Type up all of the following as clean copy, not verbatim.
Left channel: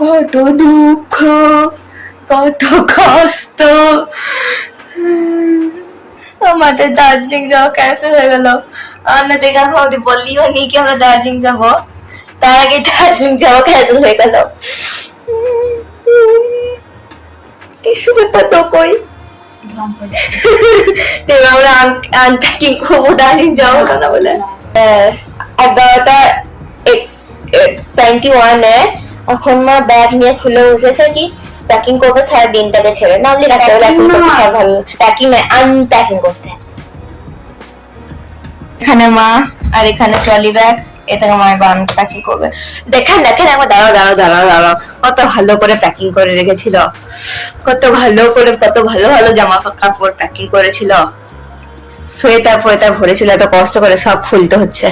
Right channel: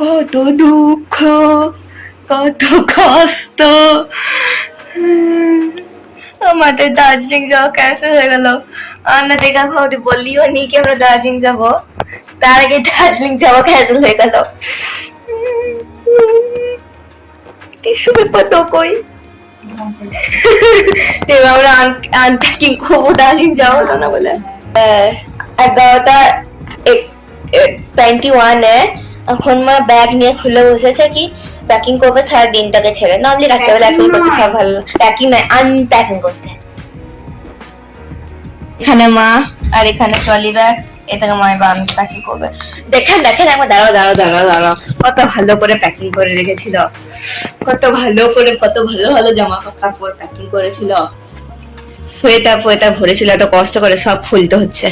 কত দুঃখ, কত কষ্ট। আমাদের দার্জিলিং যাওয়া ক্যান্সেল হয়ে গেল। আমরা দেখা আমাদের বললিও নি কি আমরা দার্জিলিং যাব, তার আগে দার্জিলিং যাওয়া ক্যান্সেল হয়ে গেল। কিছু ব্যাপার তো কই আমরা আনপ্যাকিং করবো, দার্জিলিং যাওয়া হলো না বলে। 11:21 এখন মা ব্যাগ নিয়ে খুলে বসেছে কি প্যাকিং করবে সারা দিনটাকে ছেড়ে, না হলে রাত্রে প্যাকিং করতে সব ভালো, প্যাকিং নয় আনপ্যাকিং করতে। এখানে মা আর এখানে ট্রলি ব্যাগ, এটাকে মা আনপ্যাকিং করবে। দেখেন দেখেন একবার দাঁড়াও দাঁড়াও দাঁড়াও দাঁড়াও, কত ভালো করে প্যাকিং করে রেখেছিল, কত ভালো করে কত ভালো ভালো জামা কাপড় প্যাকিং করেছিল, সোয়েটার ফোয়েটার ভরেছিল, এত কষ্ট করে সব খুলতে হচ্ছে।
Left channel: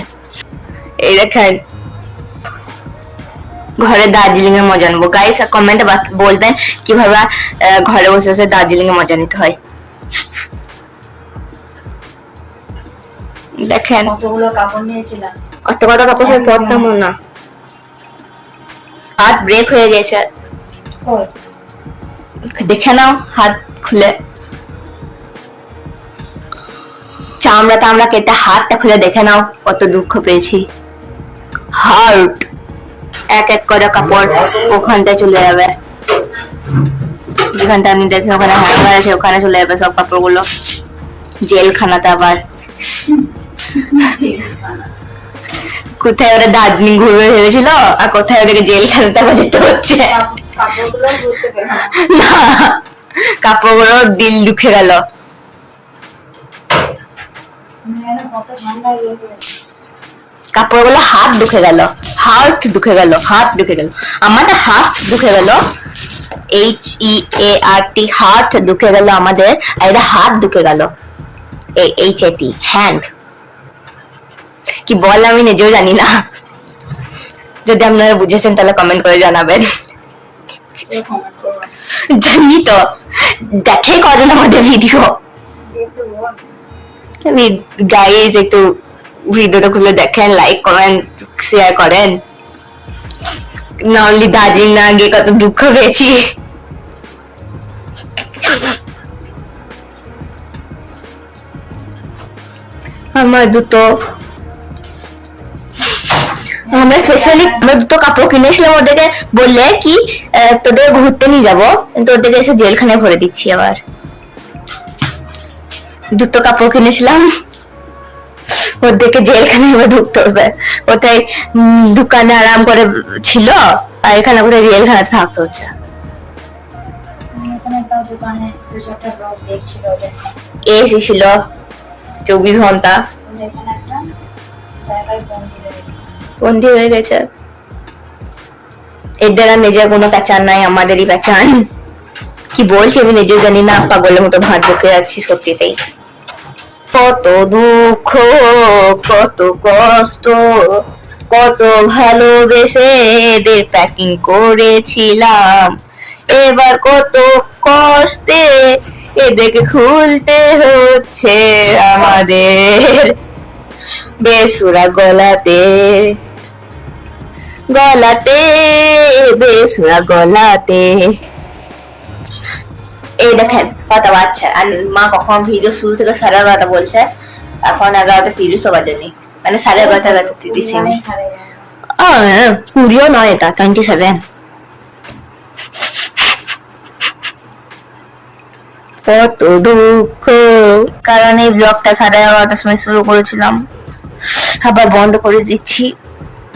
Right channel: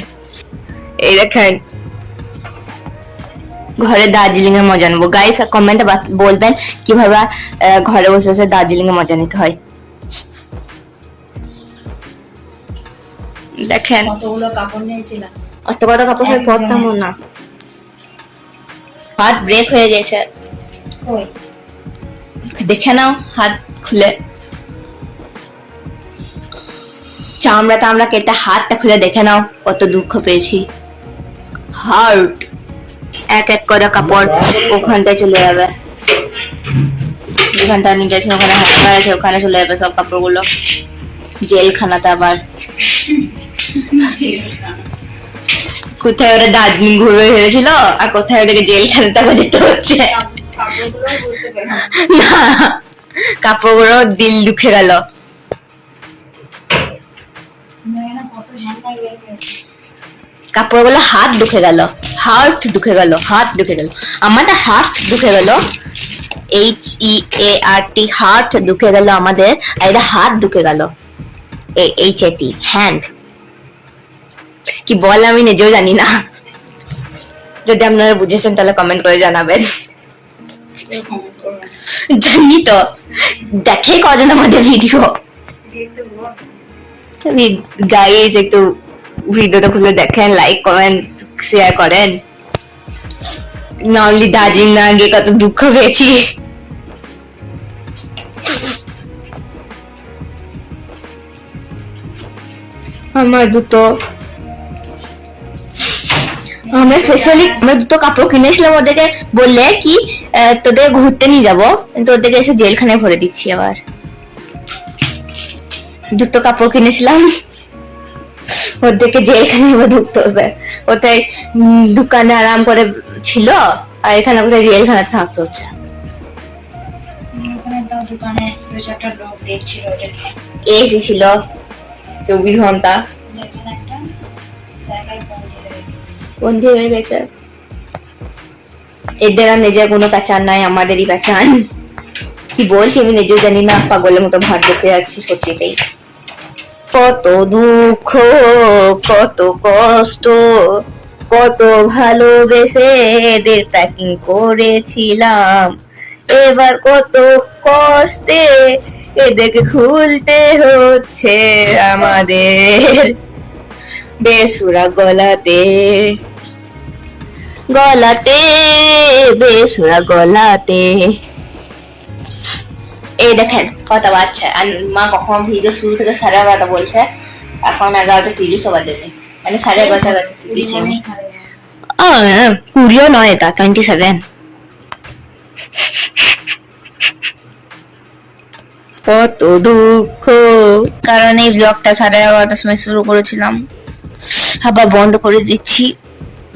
এই দেখেন ঘরে দার্জিলিং এর মজা নেবো। গাইস কমেন্টে বলবেন কিভাবে ঘরে বসে বসে দার্জিলিং এর মজা নিতে হয়। দেখেন কতগুলো কাপড় নিয়েছিলাম, অত কত কাপড় সব পরতাম না, হাত ব্রেক হয়ে গেছে। দেখে নাও হাত খুলে, চামড়া টামড়া কেটে হাতটা খুলে দেখে নাও কত দুঃখ পেয়েছি। হার্ট এক এক করে কাপড় ওখানটায় চলে যাবে, যেখানটা আমি দেখি ওখানে হাত আছে ওখানে চলে যাবে সব কাপড়গুলো। জেলখানাতে আবার কোথায় ওরা দার্জিলিং ঘুরবে ভেবেছিল আর কোথায় ওদেরকে জেলখানাতে আবার যেতে হচ্ছে। না কাপড়গুলো দিল দুঃখে গেল। কাপড়গুলো হাত দুঃখে গেল, হার্ট দুঃখে গেল, হাত দুঃখে গেল, আমাদের হাত দুঃখে গেল, HEART হার্ট দুঃখে গেল আমাদের, আর এটা হাত দুঃখে গেল, HAT হ্যান্ড। কি বল আমি নিজেও জানি না, যদি আপনারা বুঝেছেন তাহলে কমেন্ট করে জানাবেন। জানি তো, দেখে করেন আমাদের ভিডিও। গাইস একটু ভিডিওটা খুলে দেখেন, লাইক করেন, শেয়ার করেন। না অনলি দার্জিলিং না গিয়ে কত দুঃখ পেয়েছি। আমার দুটো আমরা স্পেশালি আমরা দুটো কাপড় কিনেছিলাম, ওদেরকে বললে কি তোদের ঘুরতে নিয়ে যাবো, কিন্তু ওদেরকে এসে জেলখানায় ভরে দিচ্ছি। আবার দুটো কাপড় কিনেছিলাম, ওদেরকে জেলখানায় এবার ঢুকতে হবে। কোথায় দোকানে আরাম করে ছিল আর এখানে কোথায় জেলখানায় থাকতে হচ্ছে। এসি ছিল 24 ঘন্টা, বন্দি হয়ে গেছে। এদের আর নিজের কোনো প্যাচান নাই, আমাদেরই প্যাচান। কি বলছি আমি নিজেও জানি না, পাগলের মতো ভাত ঢুকে যাচ্ছি সত্যিতেই। কত দুঃখ, কত কষ্ট, কত ভালোবেসে এদের প্যাকিং করেছিলাম, এবার কত কষ্টে এদেরকে খুলতে হচ্ছে আমাদের। বেসুরা গলাতে গলাতে, বেসুরা গলাতে। এই দেখেন কথা বাচ্চা, আর মা কখন ভিডিও শুরু থেকে 11:30 বলছে, এখন 11:30 বাজেনি, মানে 11:30 পুরিও নয়, এটা 27। কত দুঃখ, কারণ এই ব্লগটা 11:30 সময় শুরু করেছিলাম, আবার বন্ধ করে দিচ্ছি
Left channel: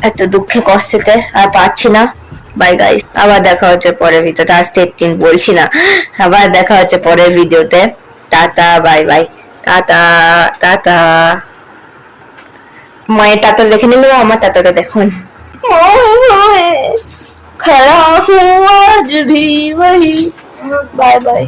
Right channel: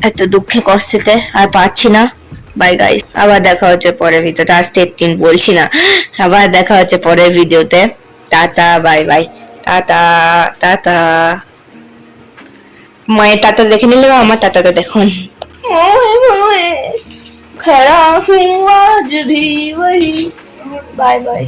এত দুঃখে কষ্টেতে, আর পাচ্ছি না। বাই গাইস, আবার দেখা হচ্ছে পরের ভিডিওতে। আজকে 3 বলছি না, আবার দেখা হচ্ছে পরের ভিডিওতে। Tata bye bye, tata tata. মায়ের টাটা দেখে নিলে, আমার টাটাটা দেখুন। खड़ा हूँ आज भी वही, बाय बाय।